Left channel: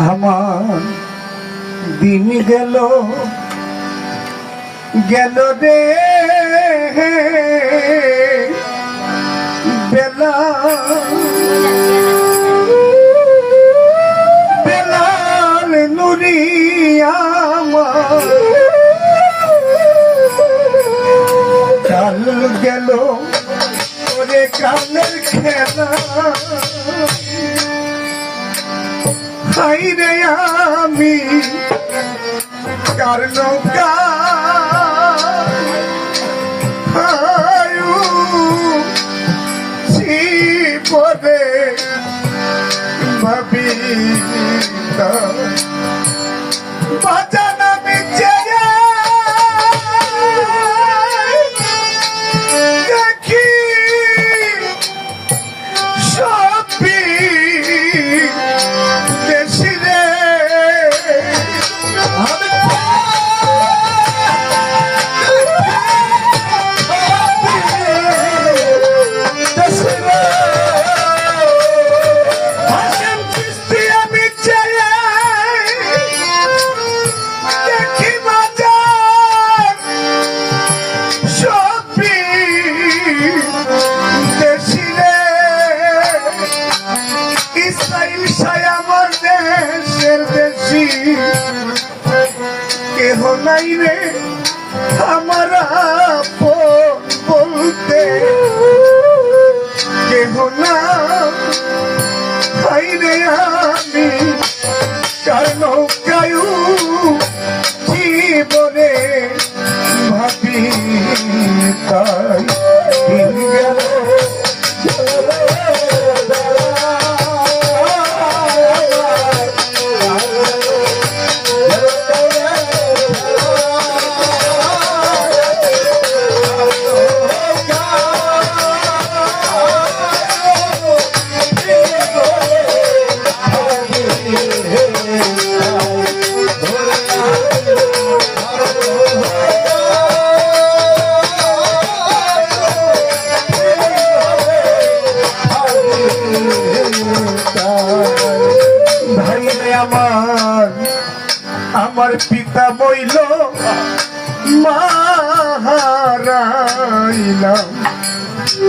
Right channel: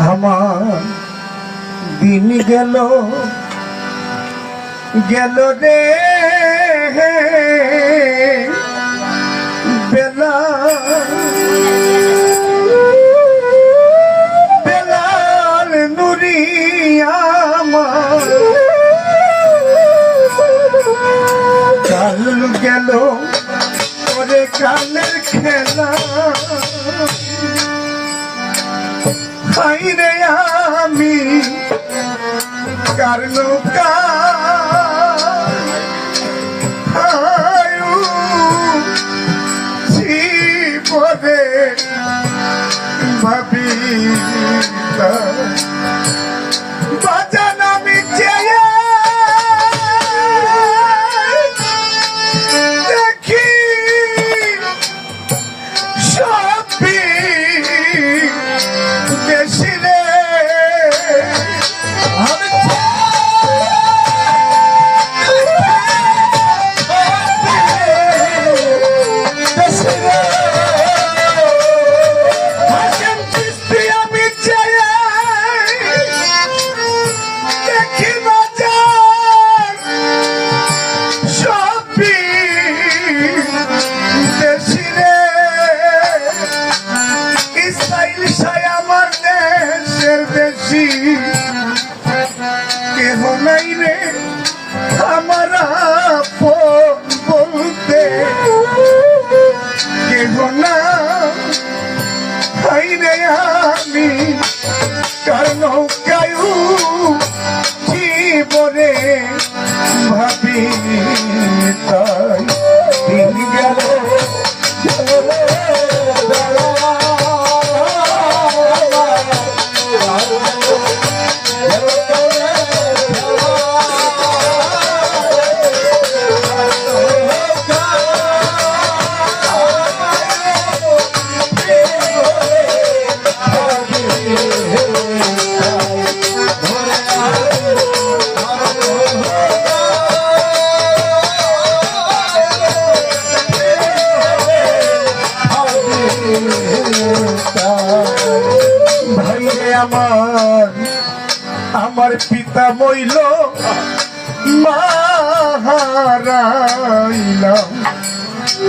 আমার দিন গেল গেল রে বেলা বেলাল নুরি আমার কাল গেল ওরে কালের খেলা হাইরে আমি কার নৌকা পরে ভাবি বাজানো মিছে দেখি সবই দেশি রে কেহ নাই রে আমার বলতে কেহ না হাই রে আমি কার নৌকায়ু জীবনে ভাবি তাই দিন গেল আমার পিতা বইল মাহারাইলাম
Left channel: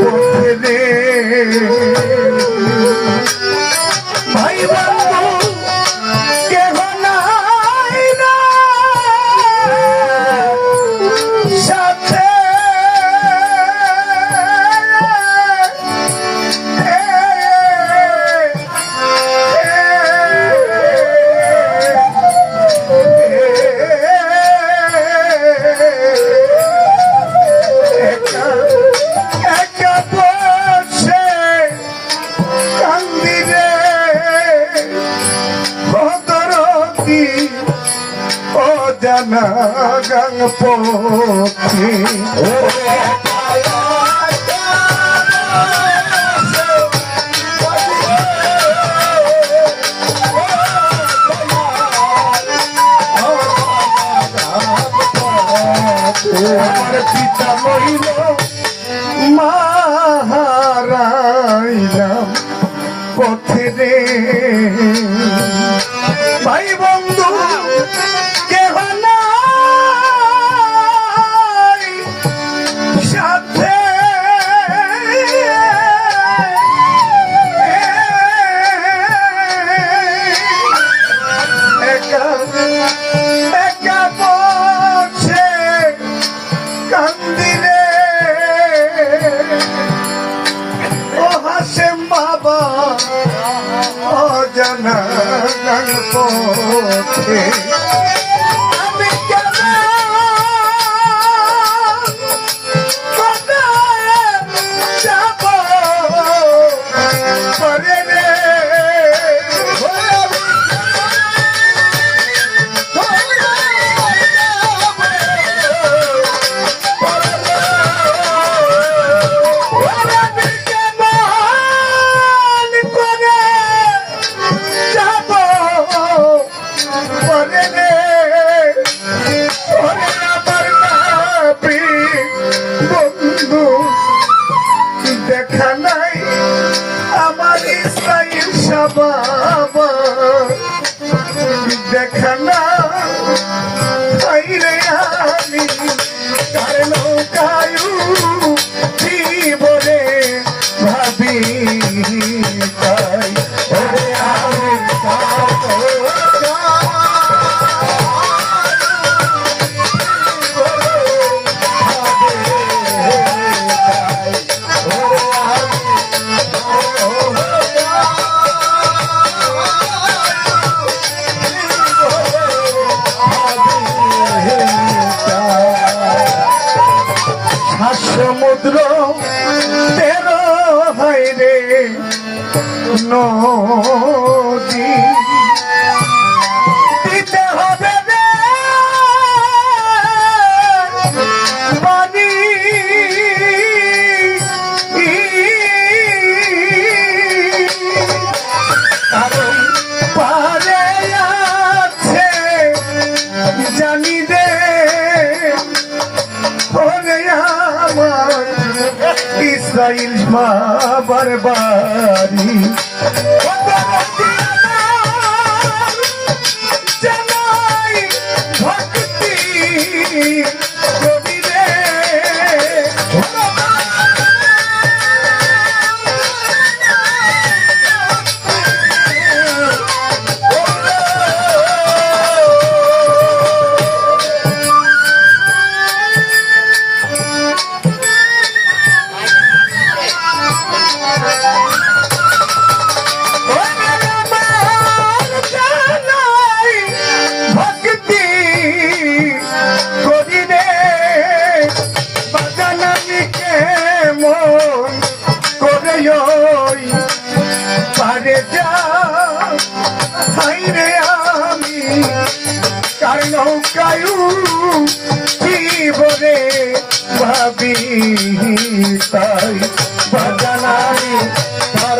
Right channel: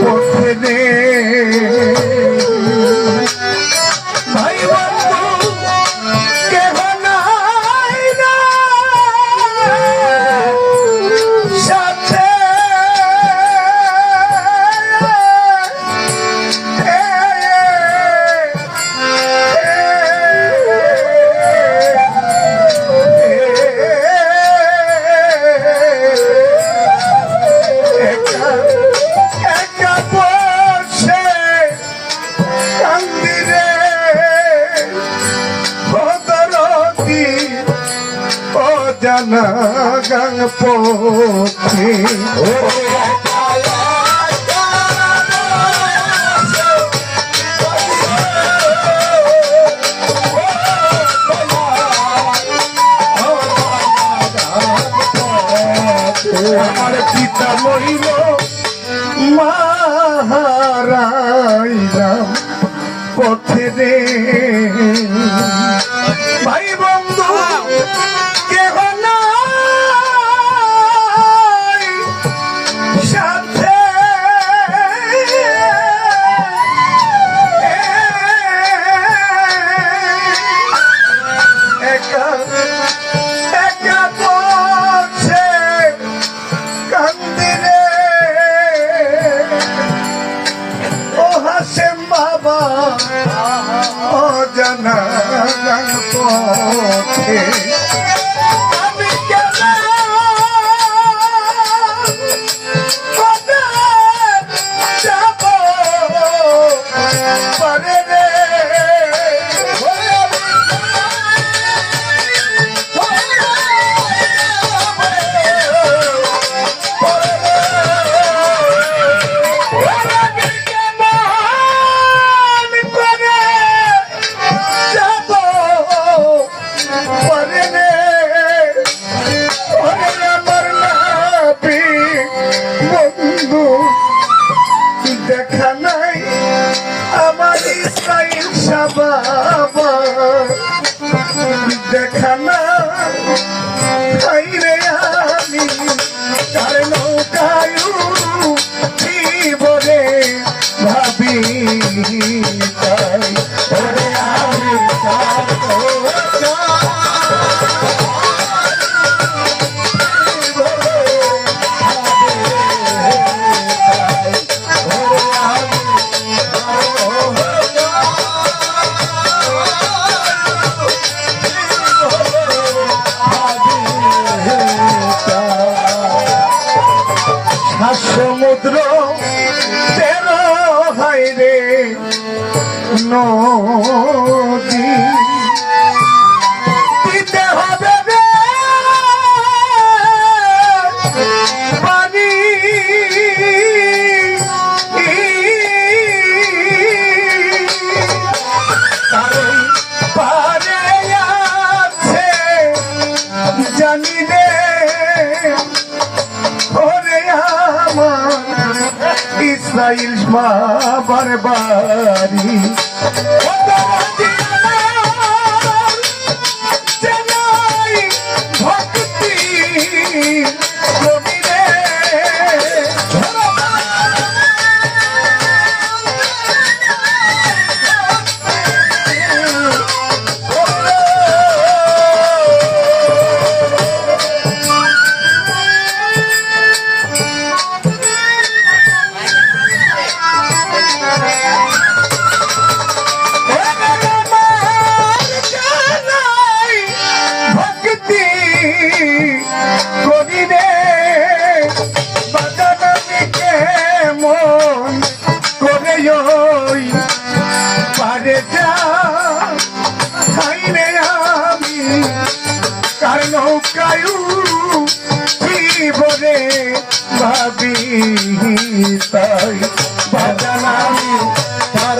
পথে রে ভাই বন্ধু কেহ নাই না সাথে জানা গাং পথে আমার পিতা মরিল মাহারাইলাম পথে রে ভাই বন্ধু কেহ নাই সাথে একা একা বসে কান্দিরে ও হাসেম বাবা ও জানা গান পথে আমি কেন যাব পরে রে যাব পরে রে সমুদ্র তেরো হয় রে নদী দিতে হবে রে পানি কারণ পারে আছে জানি রে ওরে আমার ইসরাইল বাবার বাড়ি ভক্তি কবিরে পারে যা হাইরে আমি কার নৌকায়ু জীবনে ভাবি তাই বাজানামি তার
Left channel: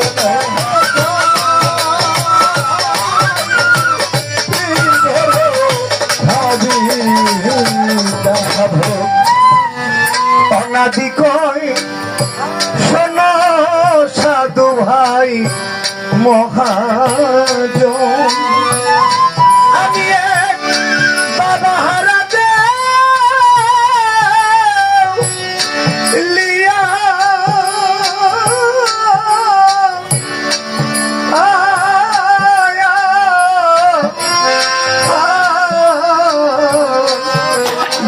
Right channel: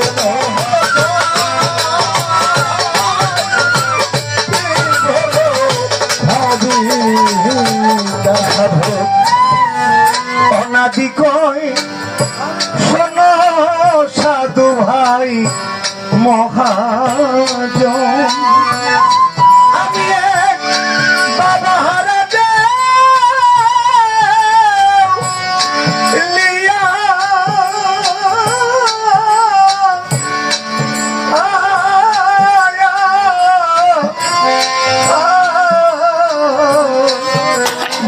অনাদি কয় শোনো সাধু ভাই মহাজন আমি এক বাবা হারা লিয়া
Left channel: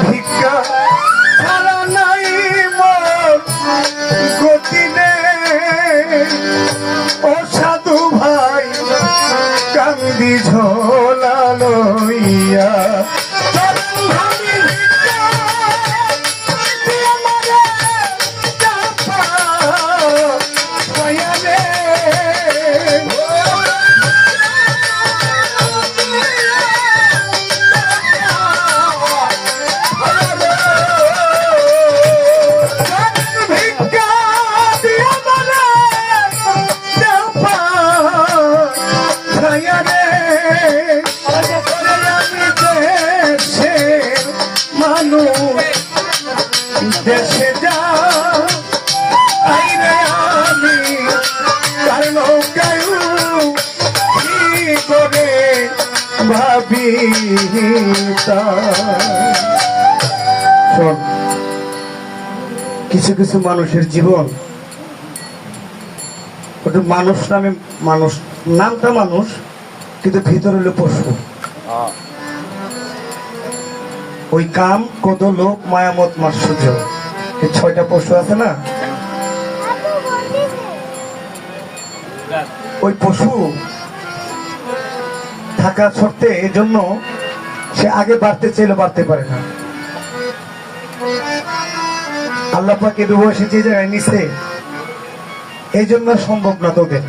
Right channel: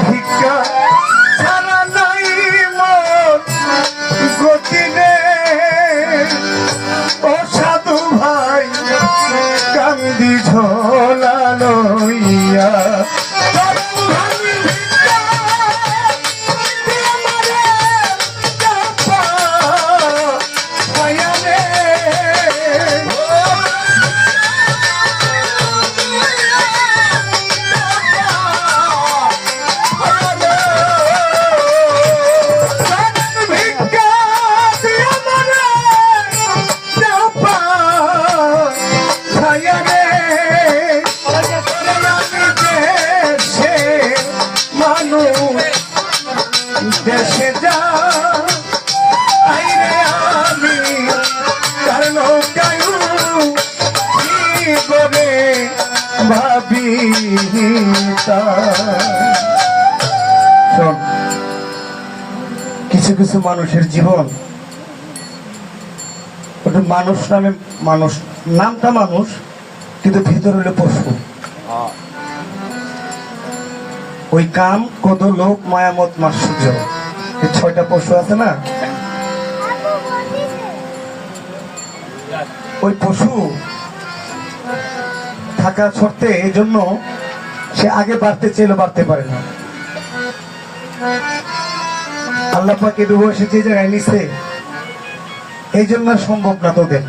ভিক্ষা ছাড়া নাই মোর গতি ও সাধু ভাই কান্দি ঝোলা লইয়া দেশে যা আইরে আমি কার নৌকায়ু কি করে ভাবি শোন, কিছু কিছু মানুষের জীবন ওটা মানুষ নামে মানুষ, নামটা মানুষ কিন্তু ভিতর হলো পশু। ওই কাম কত লোক মায়ামত মাশ্চর্য, এই 6টা পশু আছে না, ওই পশু থাকা সত্ত্বে এই জন্য সে আগে বাড়তে চাইলে বাড়তে পারে না। আল্লাহ পাক এই বয়সে যে জায়গায় নিছে এই জন্য সম্ভব না তোদের,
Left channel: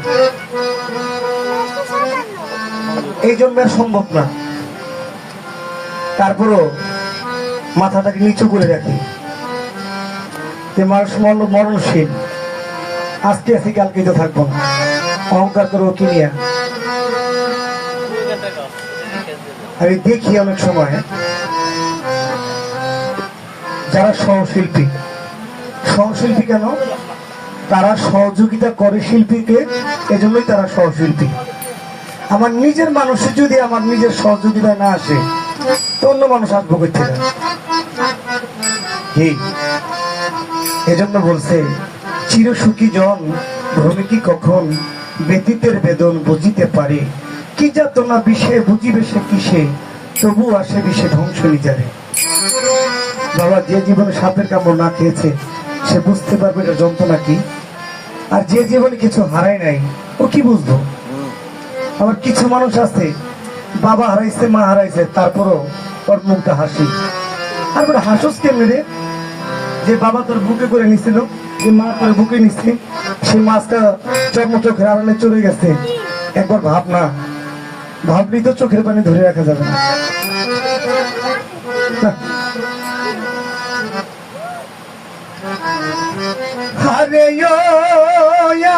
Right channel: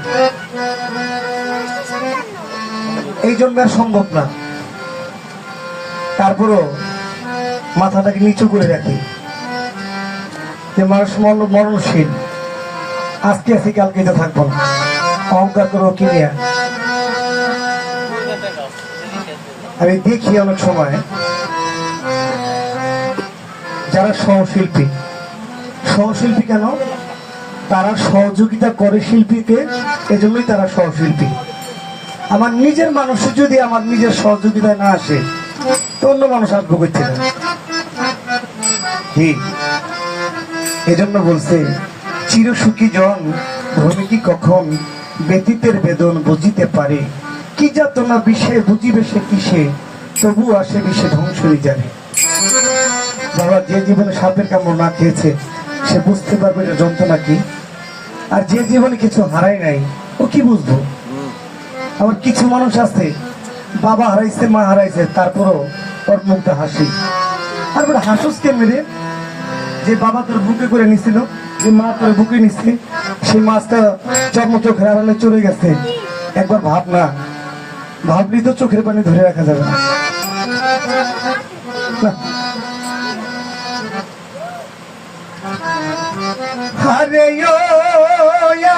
এই জন্য সম্ভব না। তারপরও মাথাটাকে নিচু করে রাখি যে মানুষ মরণশীল, আজকে আছি কালকে তো থাকবো না, অহংকার করবো কি নিয়ে। আমি দেখি অনেক সময় যারা সহশিল্পী, সহশিল্পী কেন তারা সহযোগিতা করে শিল্পীকে, এজন্যই তারা সহশিল্পী। আমার নিজের মানুষের যদি আমার নিজের সহযোগিতা না আসে তো অন্য মানুষ আসবো করতে না। এজন্য বলছে চির সুখী জন ভূমিকি কখন ব্যতীতের বেদন বুঝিতে পারে, কি যাতনা বিষে বুঝিবে সে কিসে, তবু আসে বিষে ধ্বংস নিজারে। বাবা, যে জীবনে সাপের কামড় না খেয়েছে সে বুঝতে পারবে যে যন্ত্রণা কি, আর যে জীবনে কিছু হারায় নাই ও কি বুঝবো। আবার কিছু মানুষ আছে বাবা হারাইছে মা হারাইছে তারপরও ওর মুখটা হাসি, আর হাসুস কেমনি রে, যে বাবা তোর বুকে করে নিছিল, যে মা তোর বুকে নিচ্ছে, সেই মাছটা চোখের আড়ালে চলে গেছে। একবার ভাব না, ভাবলি তো চোখের পানি ধরে রাখা যাবে না। আরে